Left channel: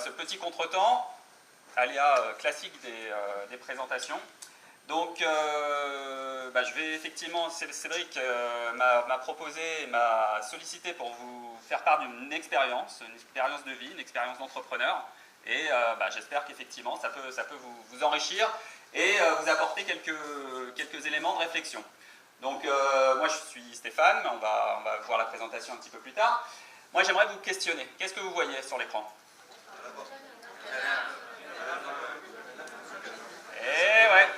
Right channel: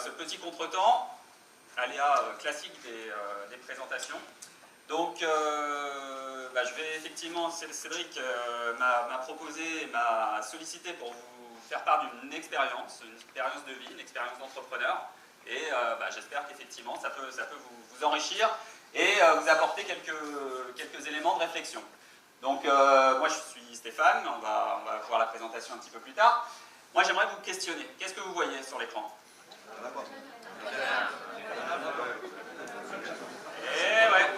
ce petit contretemps, aléa classique des présentations. Donc, je vais effectivement, Cédric m'a proposé, m'a sollicité pour vous faire part d'une expérience de vie, une expérience d'entrepreneur. Et j'espère qu'effectivement, ça peut vous enrichir et vous apporter quelques éléments de réflexion. Donc, moi, je suis Stéphane, on va voir la présentation un petit peu plus tard. Moi, j'aimerais vous questionner. Qu'est-ce que vous voyez sur l'écran? Et ouais,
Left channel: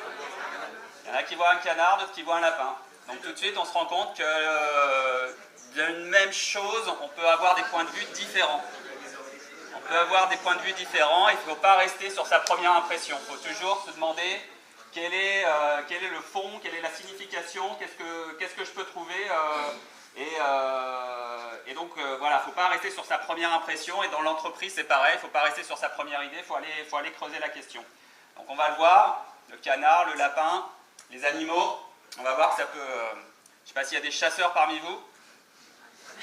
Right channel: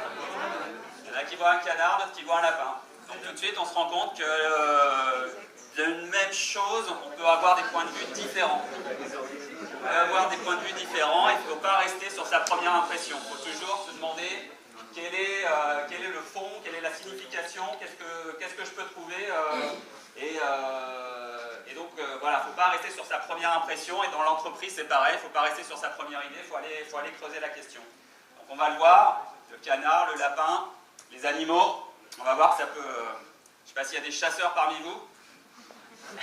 il y en a qui voient un canard, d'autres qui voient un lapin. Donc, tout de suite, on se rend compte que d'une même chose, on peut avoir des points de vue différents. On peut avoir des points de vue différents, il ne faut pas rester sur sa première impression. Il faut toujours se demander quel est le fond, quelle est la signification, qu'est-ce que je peux trouver. Et donc, voilà, il ne faut pas rester sur sa première impression. Et dans l'entreprise, c'est pareil, il ne faut pas rester sur sa première idée, il faut aller creuser la question. Donc, on va le voir, le canard, le lapin, les animaux. On va voir que ça peut... je ne sais pas s'il y a des chasseurs parmi vous.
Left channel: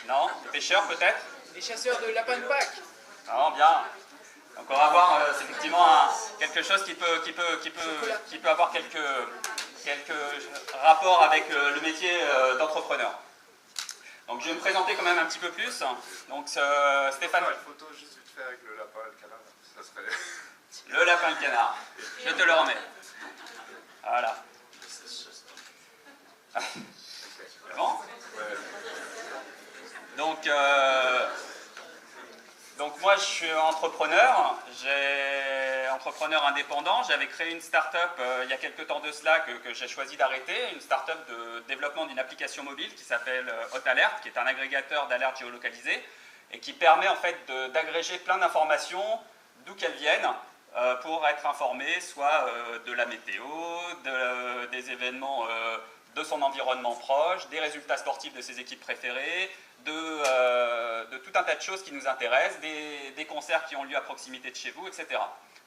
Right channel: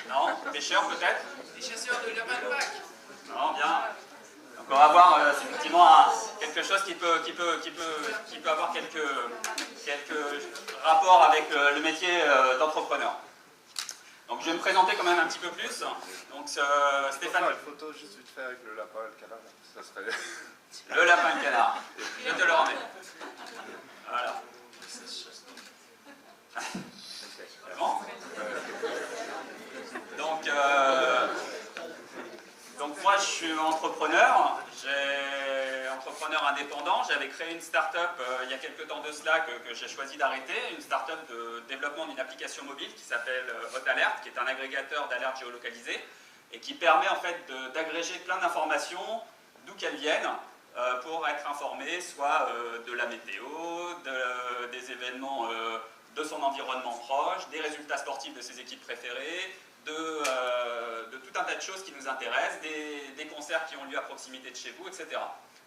Non? Pêcheurs peut-être? Les chasseurs de lapins de Pâques. Non, bien. Donc on va voir effectivement quelque chose qui peut avoir quelques rapports avec le métier d'entrepreneur. Donc je vais me présenter quand même un petit peu plus. Donc Stéphane. Une photo juste vite fait avec le lapin et le canard. Ça serait... Le lapin et le canard. Je te le remets. Voilà. C'est bon? Donc moi je suis entrepreneur indépendant. J'avais créé une start-up il y a quelques temps de cela que j'ai choisi d'arrêter, une start-up de développement d'une application mobile qui s'appelle Hot Alert, qui est un agrégateur d'alertes géolocalisées et qui permet en fait d'agréger plein d'informations d'où qu'elles viennent pour être informé soit de la météo, des événements de son environnement proche, des résultats sportifs de ses équipes préférées, de tout un tas de choses qui nous intéressent, des concerts qui ont lieu à proximité de chez vous, etc.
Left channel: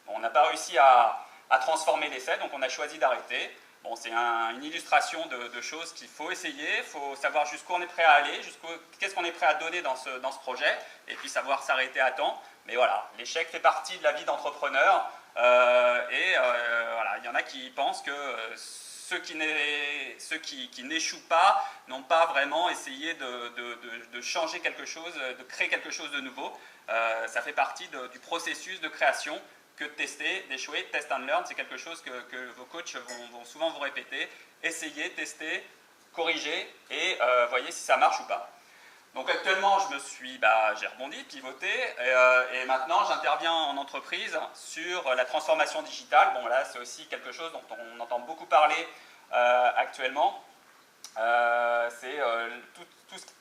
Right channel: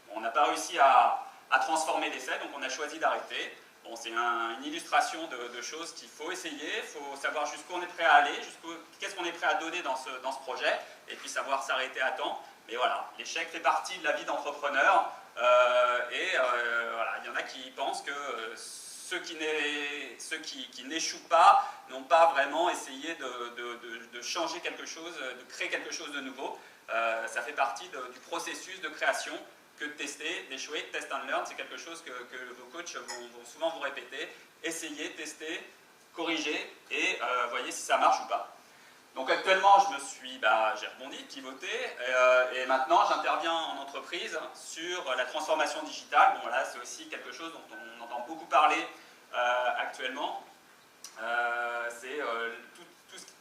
Bon, on n'a pas réussi à transformer l'essai, donc on a choisi d'arrêter. Bon, c'est une illustration de choses qu'il faut essayer, il faut savoir jusqu'où on est prêt à aller, qu'est-ce qu'on est prêt à donner dans ce projet, et puis savoir s'arrêter à temps. Mais voilà, l'échec fait partie de la vie d'entrepreneur, voilà, il y en a qui pensent que ceux qui n'échouent pas n'ont pas vraiment essayé de changer quelque chose, de créer quelque chose de nouveau. Ça fait partie du processus de création que de tester, d'échouer. Test and learn, c'est quelque chose que vos coachs vont souvent vous répéter. Essayez, testez, corrigez et voyez si ça marche ou pas. Donc actuellement, j'ai rebondi, pivoté, et maintenant j'interviens en entreprise sur la transformation digitale. Bon là, c'est aussi quelque chose dont on entend beaucoup parler actuellement. C'est tout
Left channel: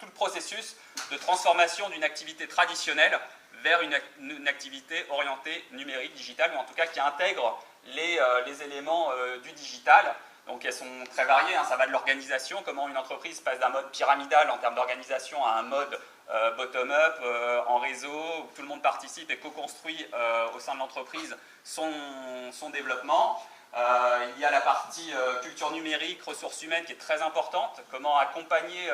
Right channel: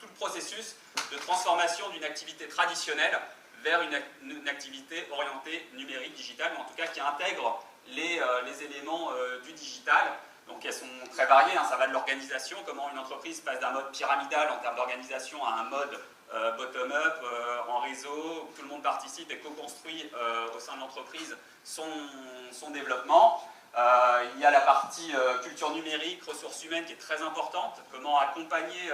le processus de transformation d'une activité traditionnelle vers une activité orientée numérique, digitale, ou en tout cas qui intègre les éléments du digital. Donc elles sont très variées, hein. Ça va de l'organisation, comment une entreprise passe d'un mode pyramidal en termes d'organisation à un mode bottom-up, en réseau, où tout le monde participe et co-construit au sein de l'entreprise son développement. Il y a la partie culture numérique, ressources humaines qui est très importante, comment accompagner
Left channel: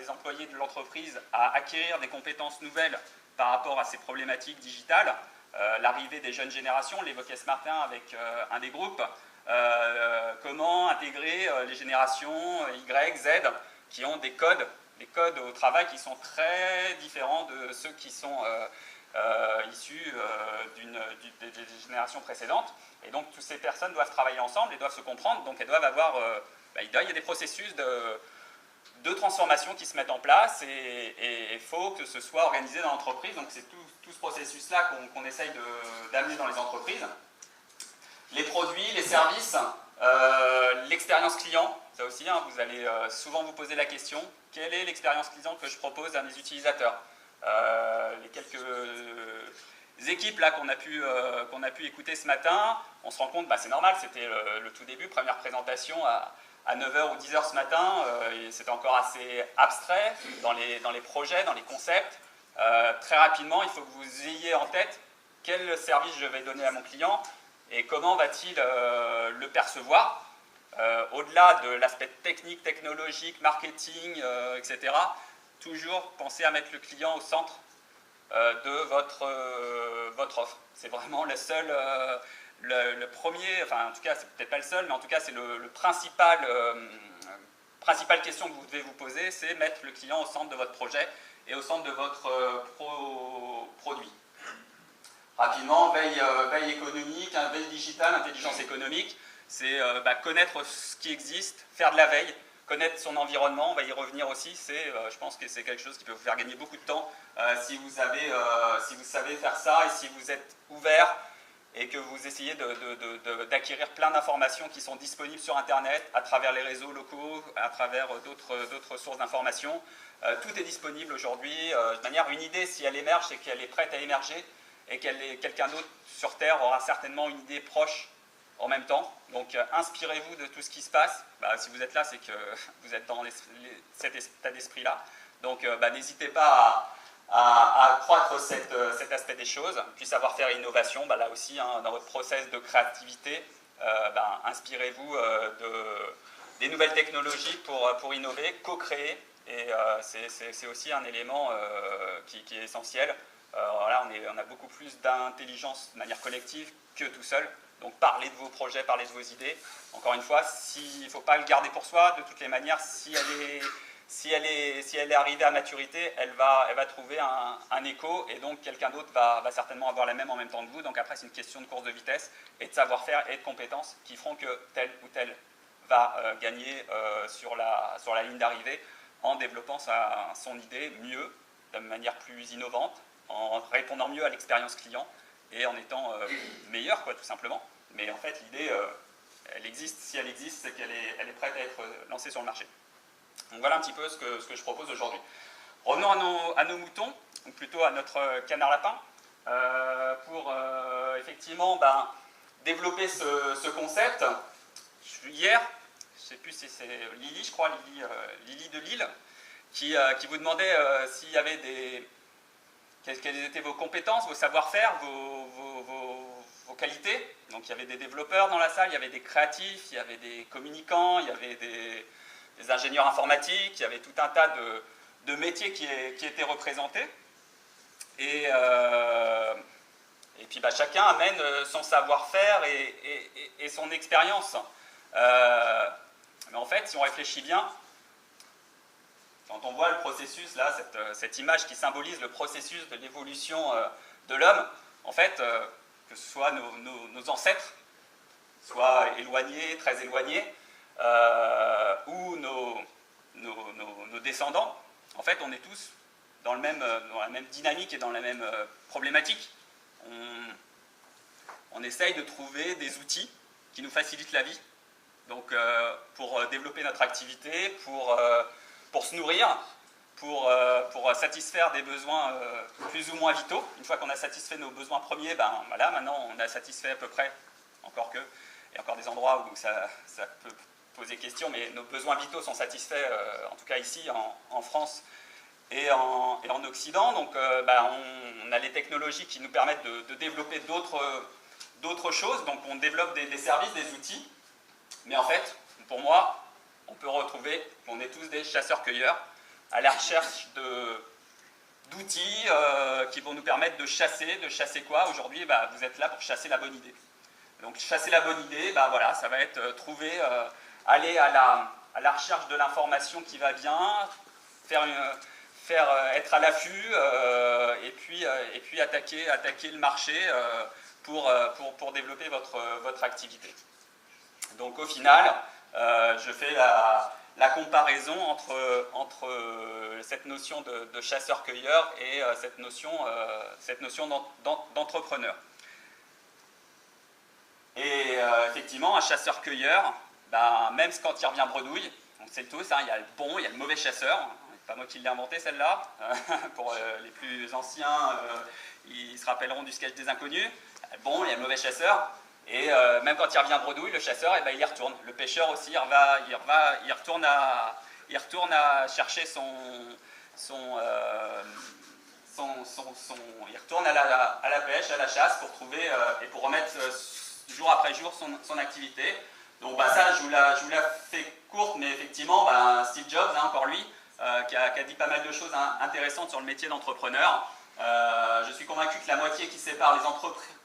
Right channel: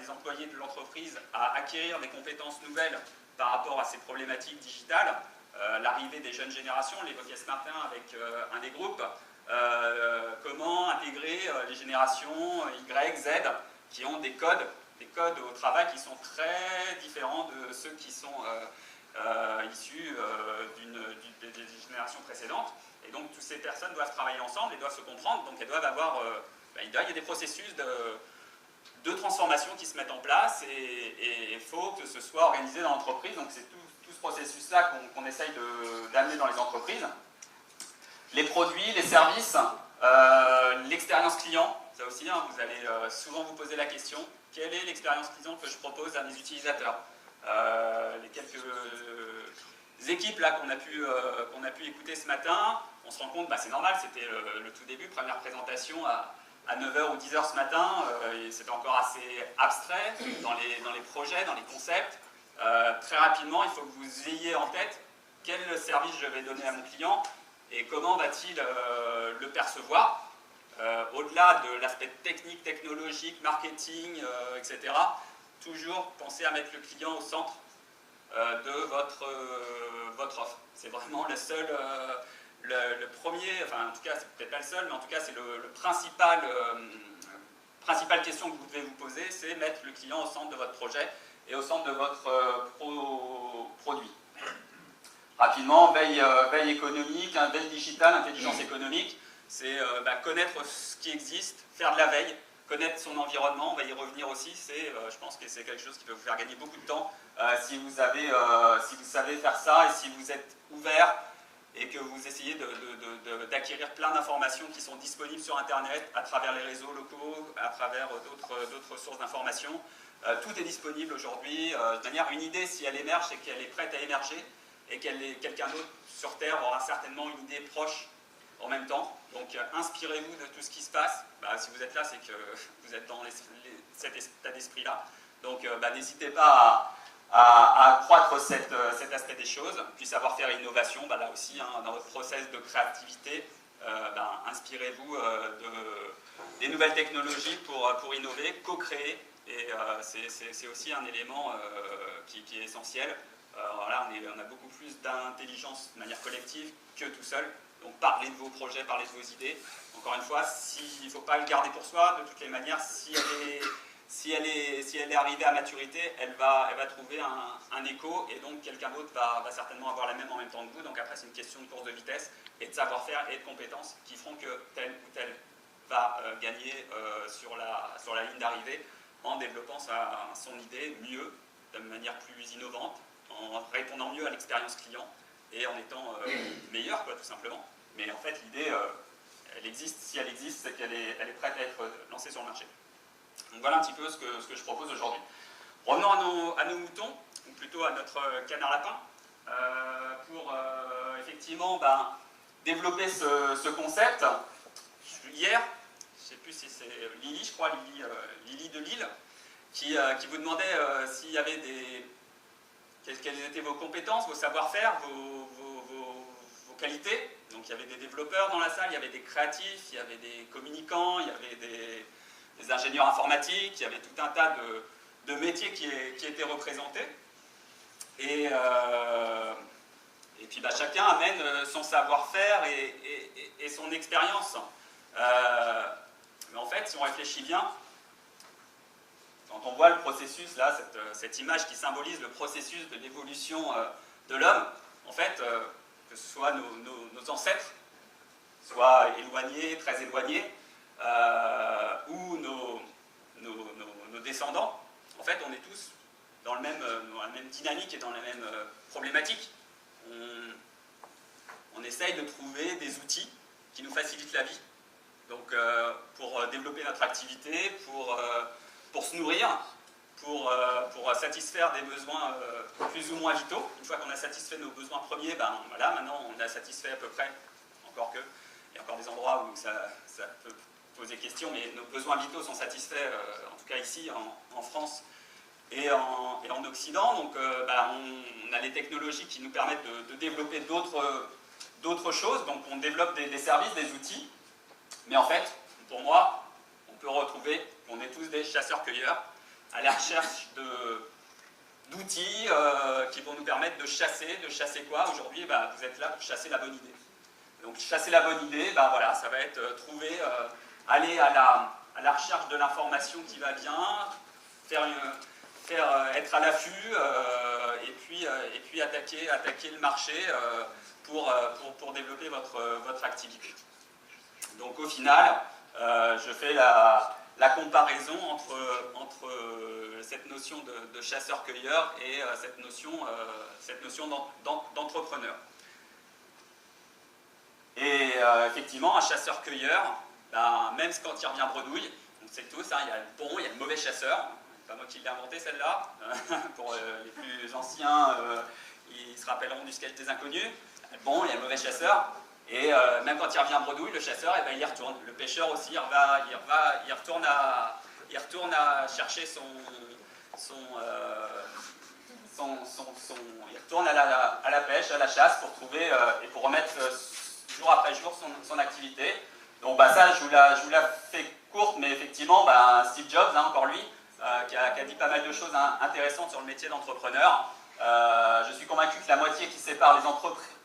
les employés de l'entreprise à acquérir des compétences nouvelles par rapport à ces problématiques digitales. L'arrivée des jeunes générations, on l'évoquait ce matin avec un des groupes, comment intégrer les générations Y, Z, qui ont des codes au travail qui sont très différents de ceux qui sont issus des générations précédentes. Et donc, toutes ces personnes doivent travailler ensemble et doivent se comprendre. Donc, elles doivent avoir... il y a des processus de transformation qui se mettent en place et il faut que ce soit organisé dans l'entreprise. Donc, c'est tout ce processus-là qu'on essaye d'amener dans les entreprises. Les produits, les services, l'expérience client, ça aussi, hein, vous allez souvent vous poser la question, quelle est l'expérience client que je propose à mes utilisateurs? Les quelques équipes là qu'on a pu écouter ce matin, on se rend compte, c'est normal, c'était le tout début, première présentation à 9h ou 10h ce matin, et c'était encore assez abstrait dans les projets, dans les concepts. Très rapidement, il faut que vous ayez en tête quel service je vais donner à mon client et comment va-t-il le percevoir, au-delà de l'aspect technique, technologique, marketing, etc. Toujours penser à mettre le client au centre de votre votre offre. C'est vraiment le seul, le premier, enfin en tout cas c'est peut-être pas le seul, mais en tout cas c'est le principale question que vous devez vous poser, c'est mettre le client au centre de votre projet et au centre de votre produit. Rapidement, veille économique, veille digitale, intelligence économique, c'est connaître ce qui existe, faire de la veille, connaître son environnement, on va y revenir aussi, je pense que c'est quelque chose qui peut vous faire gagner beaucoup de temps si vous savez faire ça et si vous êtes ouvert et que vous essayez d'acquérir plein d'informations qui sont disponibles sur Internet, à travers les réseaux locaux, à travers d'autres sources d'informations. Tout est disponible aujourd'hui. De manière, une idée, si elle émerge, c'est qu'elle est prête à émerger et quelqu'un d'autre sur Terre aura certainement une idée proche en même temps. Donc inspirez-vous de tout ce qui se passe. Si vous êtes là, c'est que vous êtes dans cet état d'esprit-là. Donc n'hésitez pas à accroître cet aspect des choses. Puis savoir-faire et innovation, là aussi, dans votre process de créativité, inspirez-vous des nouvelles technologies pour innover, co-créer. Et c'est aussi un élément qui est essentiel. Là, on a beaucoup plus d'intelligence de manière collective que tout seul. Donc parlez de vos projets, parlez de vos idées. Encore une fois, il ne faut pas le garder pour soi. De toutes les manières, si elle est arrivée à maturité, elle va trouver un écho et donc quelqu'un d'autre va certainement avoir la même en même temps que vous. Donc après, c'est une question de course de vitesse et de savoir-faire et de compétences qui feront que tel ou tel va gagner sur la ligne d'arrivée en développant son idée mieux, de manière plus innovante, en répondant mieux à l'expérience client et en étant meilleur, tout simplement. Mais en fait, l'idée, elle existe. Si elle existe, c'est qu'elle est prête à être lancée sur le marché. Donc voilà un petit peu ce que je propose aujourd'hui. Revenons à nos moutons, ou plutôt à notre canard lapin, pour effectivement développer ce concept. Hier, je ne sais plus si c'est Lily, je crois, Lily de Lille, qui vous demandait s'il y avait quelles étaient vos compétences, vos savoir-faire, vos qualités. Donc il y avait des développeurs dans la salle, il y avait des créatifs, il y avait des communicants, il y avait des ingénieurs informatiques, il y avait tout un tas de métiers qui étaient représentés. Et puis chacun amène son savoir-faire et son expérience. Mais en fait, si on réfléchit bien, quand on voit le processus, là, cette image qui symbolise le processus de l'évolution de l'homme, en fait, que ce soit nos ancêtres, soit éloignés, très éloignés, ou nos descendants, en fait, on est tous dans la même dynamique et dans la même problématique. On essaye de trouver des outils qui nous facilitent la vie, donc pour développer notre activité, pour se nourrir, pour satisfaire des besoins plus ou moins vitaux. Une fois qu'on a satisfait nos besoins premiers, maintenant on a satisfait à peu près, encore que, il y a encore des endroits où ça peut poser question, mais nos besoins vitaux sont satisfaits, en tout cas ici, en France et en Occident. Donc on a les technologies qui nous permettent de développer d'autres choses, donc on développe des services, des outils, mais en fait, pour moi, on peut retrouver qu'on est tous des chasseurs-cueilleurs à la recherche d'outils qui vont nous permettre de chasser quoi? Aujourd'hui, vous êtes là pour chasser la bonne idée. Donc chasser la bonne idée, ça va être aller à la recherche de l'information qui va bien, être à l'affût et puis attaquer le marché pour développer votre activité. Donc au final, je fais la comparaison entre cette notion de chasseur-cueilleur et cette notion d'entrepreneur. Et effectivement, un chasseur-cueilleur, même quand il revient bredouille, on sait tous, il y a le bon, il y a le mauvais chasseur. C'est pas moi qui l'ai inventé celle-là. Pour les plus anciens, ils se rappelleront du sketch des inconnus. Il y a le bon, il y a le mauvais chasseur. Et même quand il revient bredouille, le chasseur, il y retourne. Le pêcheur aussi, il retourne à chercher il retourne à la pêche, à la chasse pour trouver et pour remettre jour après jour son activité. Donc ça, je vous la fais courte, mais effectivement, Steve Jobs, encore lui, qui a dit pas mal de choses intéressantes sur le métier d'entrepreneur. Je suis convaincu que la moitié qui sépare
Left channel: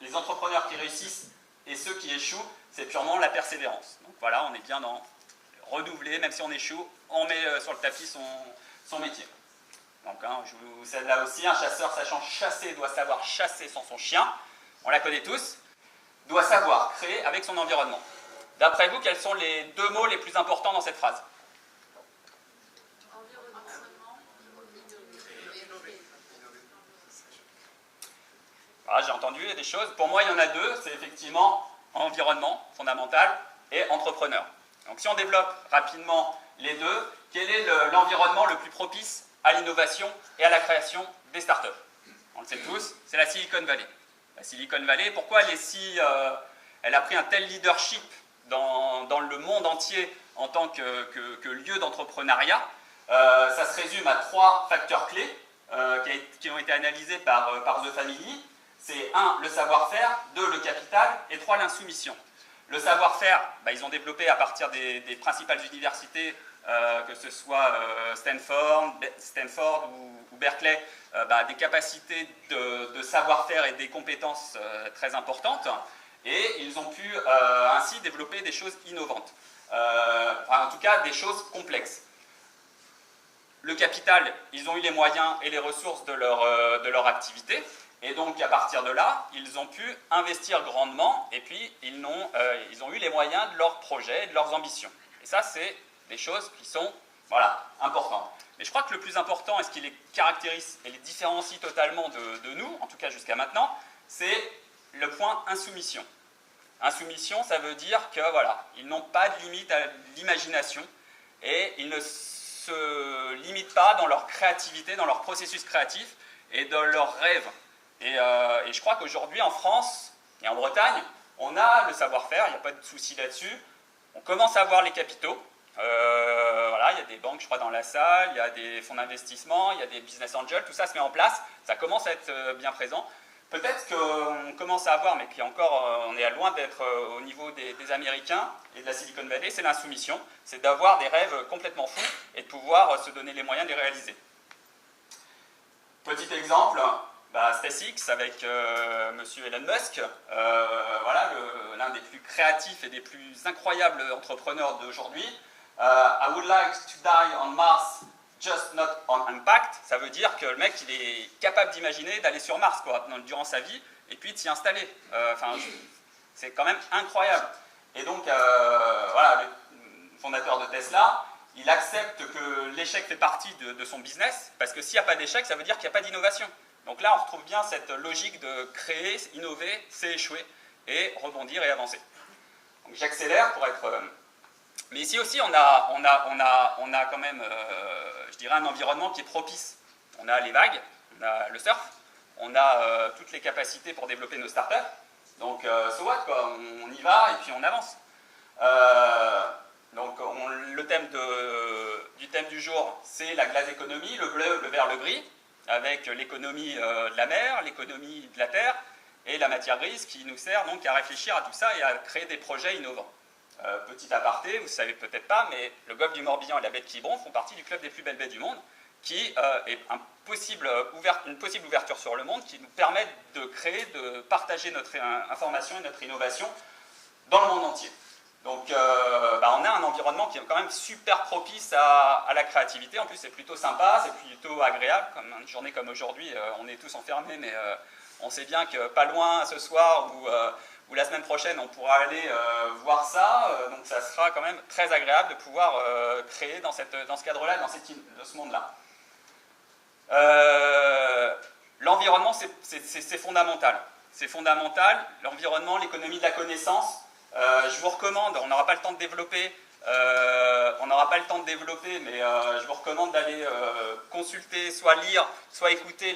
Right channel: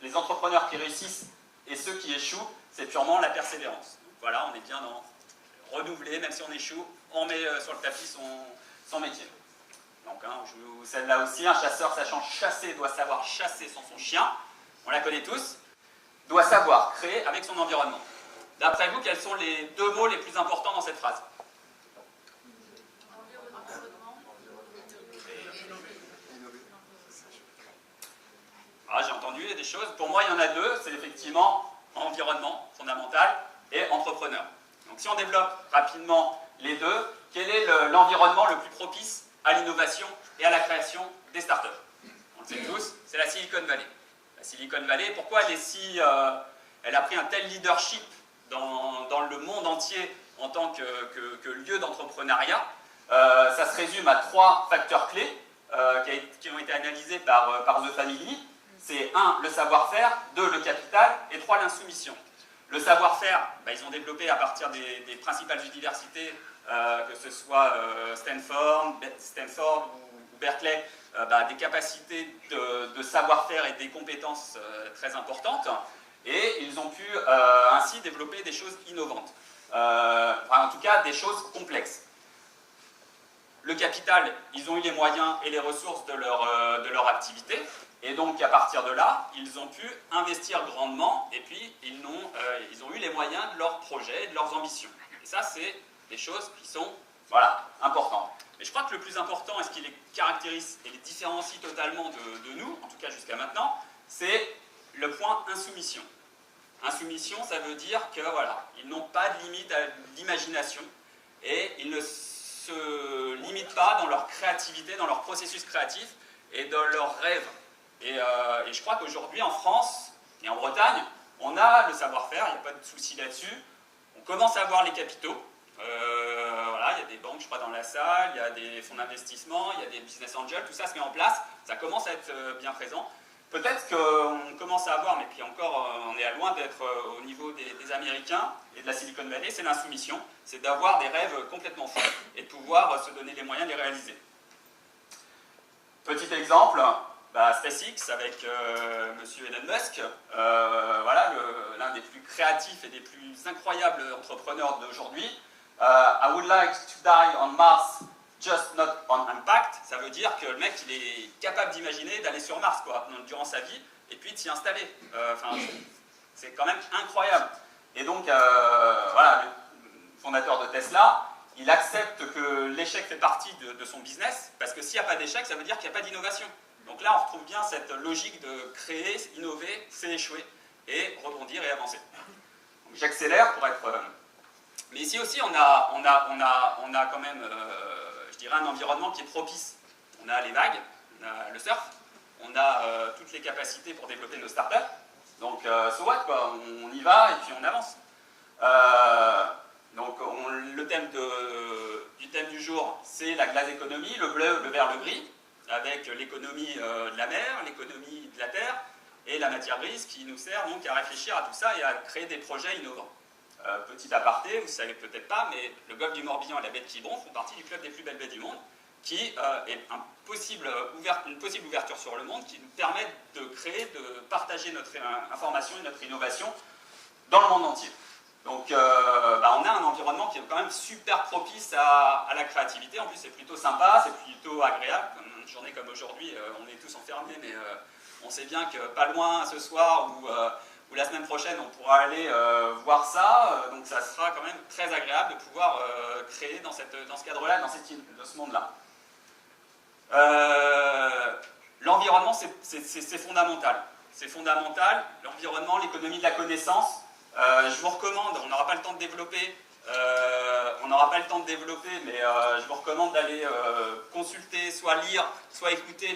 les entrepreneurs qui réussissent et ceux qui échouent, c'est purement la persévérance. Donc voilà, on est bien dans renouveler, même si on échoue, on met sur le tapis son métier. Donc je vous cède là aussi, un chasseur sachant chasser doit savoir chasser sans son chien, on la connaît tous, doit savoir créer avec son environnement. D'après vous, quels sont les 2 mots les plus importants dans cette phrase? Voilà, j'ai entendu des choses. Pour moi, il y en a 2. C'est effectivement environnement, fondamental, et entrepreneur. Donc si on développe rapidement les 2, quel est l'environnement le plus propice à l'innovation et à la création des startups? On le sait tous, c'est la Silicon Valley. La Silicon Valley, pourquoi elle a pris un tel leadership dans le monde entier en tant que lieu d'entrepreneuriat? Ça se résume à 3 facteurs clés qui ont été analysés par The Family. C'est 1, le savoir-faire, 2, le capital, et 3, l'insoumission. Le savoir-faire, ils ont développé à partir des principales universités, que ce soit Stanford ou Berkeley, des capacités de savoir-faire et des compétences très importantes, et ils ont pu ainsi développer des choses innovantes, en tout cas des choses complexes. Le capital, ils ont eu les moyens et les ressources de leur activité, et donc à partir de là, ils ont pu investir grandement, et puis ils ont eu les moyens de leurs projets et de leurs ambitions. Et ça, c'est des choses qui sont importantes. Mais je crois que le plus important, et ce qui les caractérise et les différencie totalement de nous, en tout cas jusqu'à maintenant, c'est le point insoumission. Insoumission, ça veut dire que ils n'ont pas de limite à l'imagination, et ils ne se limitent pas dans leur créativité, dans leur processus créatif et dans leurs rêves. Et je crois qu'aujourd'hui, en France et en Bretagne, on a le savoir-faire, il n'y a pas de souci là-dessus. On commence à avoir les capitaux. Il y a des banques, je crois, dans la salle, il y a des fonds d'investissement, il y a des business angels, tout ça se met en place, ça commence à être bien présent. Peut-être qu'on commence à avoir, mais puis encore, on est à loin d'être au niveau des Américains et de la Silicon Valley, c'est l'insoumission, c'est d'avoir des rêves complètement fous et de pouvoir se donner les moyens de les réaliser. Petit exemple, SpaceX avec monsieur Elon Musk, l'un des plus créatifs et des plus incroyables entrepreneurs d'aujourd'hui. I would like to die on Mars, just not on impact. Ça veut dire que le mec, il est capable d'imaginer d'aller sur Mars durant sa vie et puis de s'y installer. C'est quand même incroyable. Et donc, le fondateur de Tesla, il accepte que l'échec fait partie de son business, parce que s'il n'y a pas d'échec, ça veut dire qu'il n'y a pas d'innovation. Donc là, on retrouve bien cette logique de créer, innover, c'est échouer, et rebondir et avancer. Donc j'accélère pour être... Mais ici aussi, on a quand même, je dirais, un environnement qui est propice. On a les vagues, on a le surf, on a toutes les capacités pour développer nos startups. Donc, so what, quoi, on y va et puis on avance. Donc, le thème du thème du jour, c'est la glass économie, le bleu, le vert, le gris, avec l'économie de la mer, l'économie de la terre et la matière grise qui nous sert donc à réfléchir à tout ça et à créer des projets innovants. Petit aparté, vous ne savez peut-être pas, mais le golfe du Morbihan et la baie de Quiberon font partie du club des plus belles baies du monde, qui est une possible ouverture sur le monde qui nous permet de créer, de partager notre information et notre innovation dans le monde entier. Donc on a un environnement qui est quand même super propice à la créativité. En plus, c'est plutôt sympa, c'est plutôt agréable. Comme une journée comme aujourd'hui, on est tous enfermés, mais on sait bien que pas loin ce soir ou la semaine prochaine, on pourra aller voir ça. Donc ça sera quand même très agréable de pouvoir créer dans ce cadre-là, dans ce monde-là. L'environnement, c'est fondamental. C'est fondamental. L'environnement, l'économie de la connaissance. Je vous recommande, on n'aura pas le temps de développer, mais je vous recommande d'aller consulter, soit lire, soit écouter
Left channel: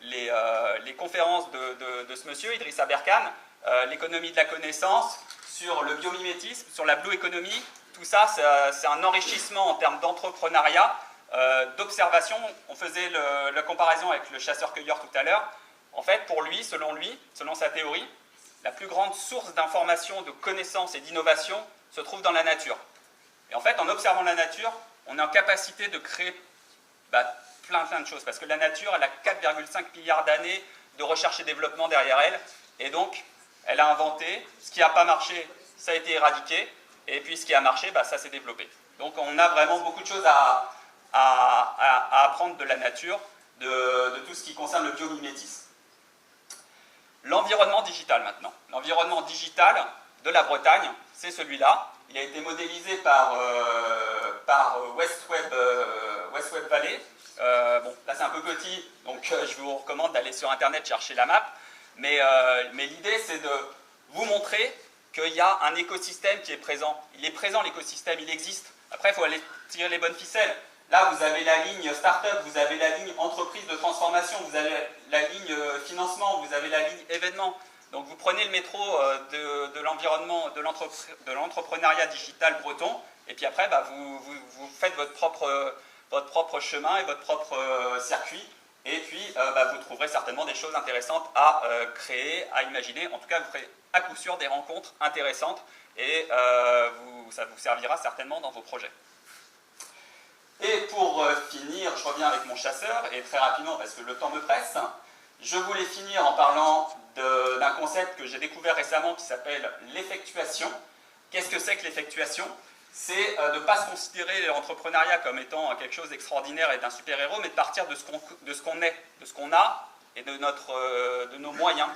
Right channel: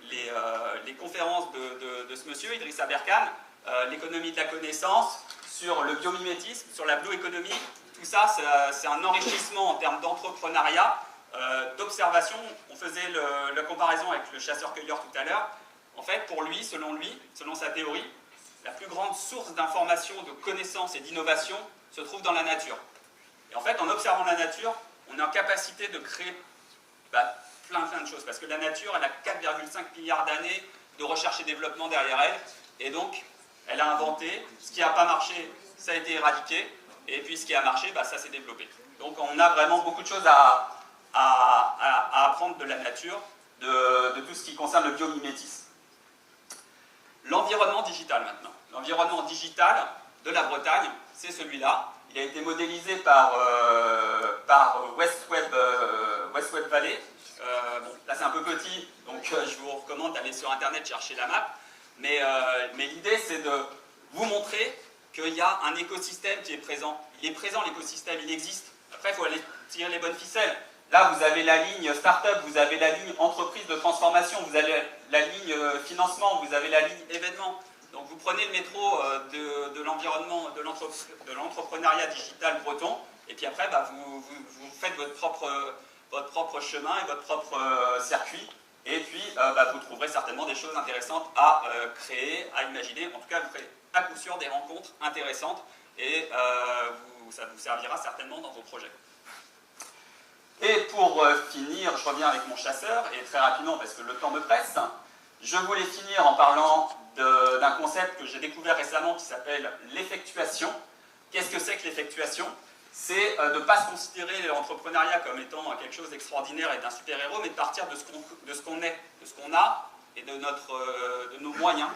les conférences de ce monsieur, Idriss Aberkan, l'économie de la connaissance, sur le biomimétisme, sur la blue economy. Tout ça, c'est un enrichissement en termes d'entrepreneuriat, d'observation. On faisait la comparaison avec le chasseur-cueilleur tout à l'heure. En fait, pour lui, selon sa théorie, la plus grande source d'information, de connaissances et d'innovation se trouve dans la nature. Et en fait, en observant la nature, on est en capacité de créer plein de choses, parce que la nature, elle a 4,5 milliards d'années de recherche et développement derrière elle, et donc elle a inventé, ce qui n'a pas marché, ça a été éradiqué, et puis ce qui a marché, bah, ça s'est développé. Donc on a vraiment beaucoup de choses à apprendre de la nature, de tout ce qui concerne le biomimétisme. L'environnement digital maintenant. L'environnement digital de la Bretagne, c'est celui-là. Il a été modélisé par West Web Valley. Bon, là c'est un peu petit, donc je vous recommande d'aller sur internet chercher la map. Mais l'idée c'est de vous montrer qu'il y a un écosystème qui est présent. Il est présent l'écosystème, il existe. Après il faut aller tirer les bonnes ficelles. Là vous avez la ligne start-up, vous avez la ligne entreprise de transformation, vous avez la ligne financement, vous avez la ligne événement. Donc vous prenez le métro de l'environnement, de l'entrepreneuriat digital breton, et puis après bah, vous faites votre propre chemin et votre propre circuit, et puis bah, vous trouverez certainement des choses intéressantes à créer, à imaginer. En tout cas, vous ferez à coup sûr des rencontres intéressantes, et ça vous servira certainement dans vos projets. Et pour finir, je reviens avec mon chasseur, et très rapidement parce que le temps me presse, je voulais finir en parlant d'un concept que j'ai découvert récemment qui s'appelle l'effectuation. Qu'est-ce que c'est que l'effectuation? C'est de ne pas se considérer l'entrepreneuriat comme étant quelque chose d'extraordinaire et d'un super-héros, mais de partir de ce qu'on est, de ce qu'on a et de nos moyens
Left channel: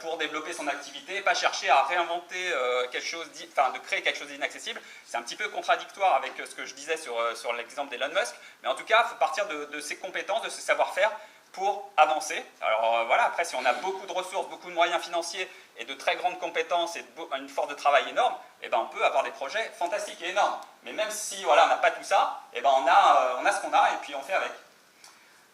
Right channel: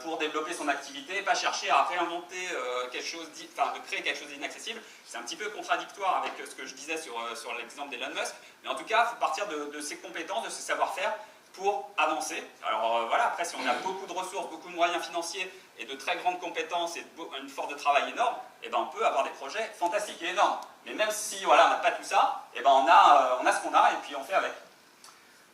pour développer son activité, et pas chercher à réinventer quelque chose, de créer quelque chose d'inaccessible. C'est un petit peu contradictoire avec ce que je disais sur l'exemple d'Elon Musk, mais en tout cas, il faut partir de ses compétences, de ses savoir-faire pour avancer. Alors voilà, après si on a beaucoup de ressources, beaucoup de moyens financiers et de très grandes compétences et une force de travail énorme, eh ben, on peut avoir des projets fantastiques et énormes. Mais même si voilà, on n'a pas tout ça, eh ben, on a ce qu'on a et puis on fait avec.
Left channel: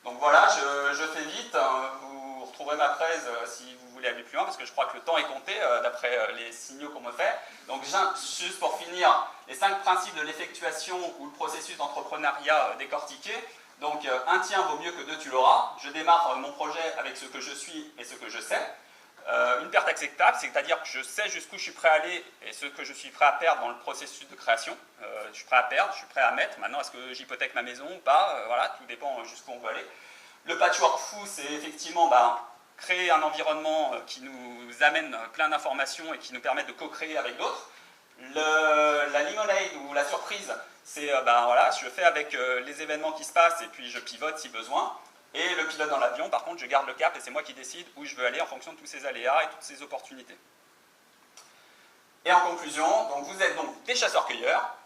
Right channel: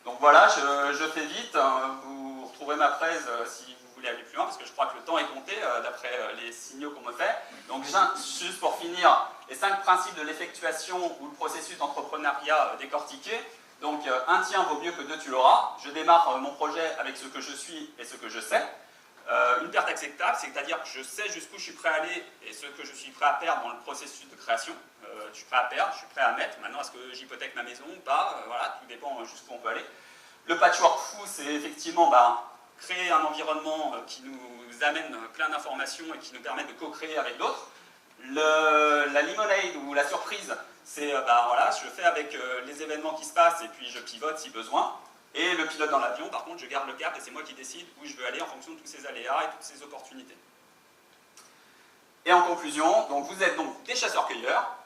Donc voilà, je fais vite, vous retrouverez ma presse si vous voulez aller plus loin, parce que je crois que le temps est compté d'après les signaux qu'on me fait. Donc juste pour finir, les 5 principes de l'effectuation ou le processus d'entrepreneuriat décortiqué. Donc, un tien vaut mieux que 2 tu l'auras. Je démarre mon projet avec ce que je suis et ce que je sais. Une perte acceptable, c'est-à-dire que je sais jusqu'où je suis prêt à aller et ce que je suis prêt à perdre dans le processus de création. Je suis prêt à perdre, je suis prêt à mettre. Maintenant, est-ce que j'hypothèque ma maison ou pas? Voilà, tout dépend jusqu'où on peut aller. Le patchwork fou, c'est effectivement créer un environnement qui nous amène plein d'informations et qui nous permet de co-créer avec d'autres. La limonade ou la surprise, c'est voilà, je fais avec les événements qui se passent et puis je pivote si besoin. Et le pilote dans l'avion, par contre, je garde le cap et c'est moi qui décide où je veux aller en fonction de tous ces aléas et toutes ces opportunités. Et en conclusion, donc vous êtes donc des chasseurs-cueilleurs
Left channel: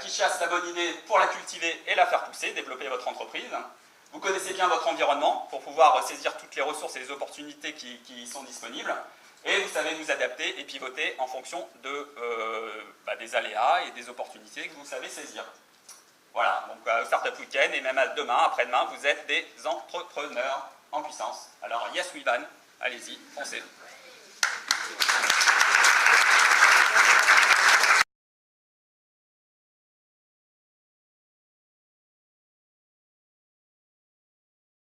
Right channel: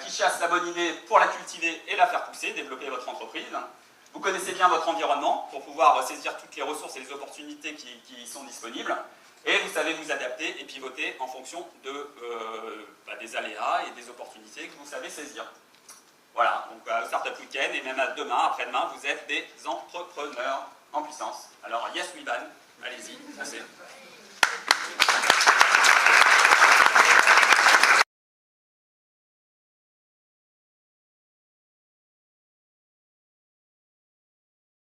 qui chassent la bonne idée pour la cultiver et la faire pousser, développer votre entreprise. Vous connaissez bien votre environnement pour pouvoir saisir toutes les ressources et les opportunités qui y sont disponibles. Et vous savez vous adapter et pivoter en fonction des aléas et des opportunités que vous savez saisir. Voilà, donc Startup Weekend et même à demain, après-demain, vous êtes des entrepreneurs en puissance. Alors, yes we van, allez-y, foncez.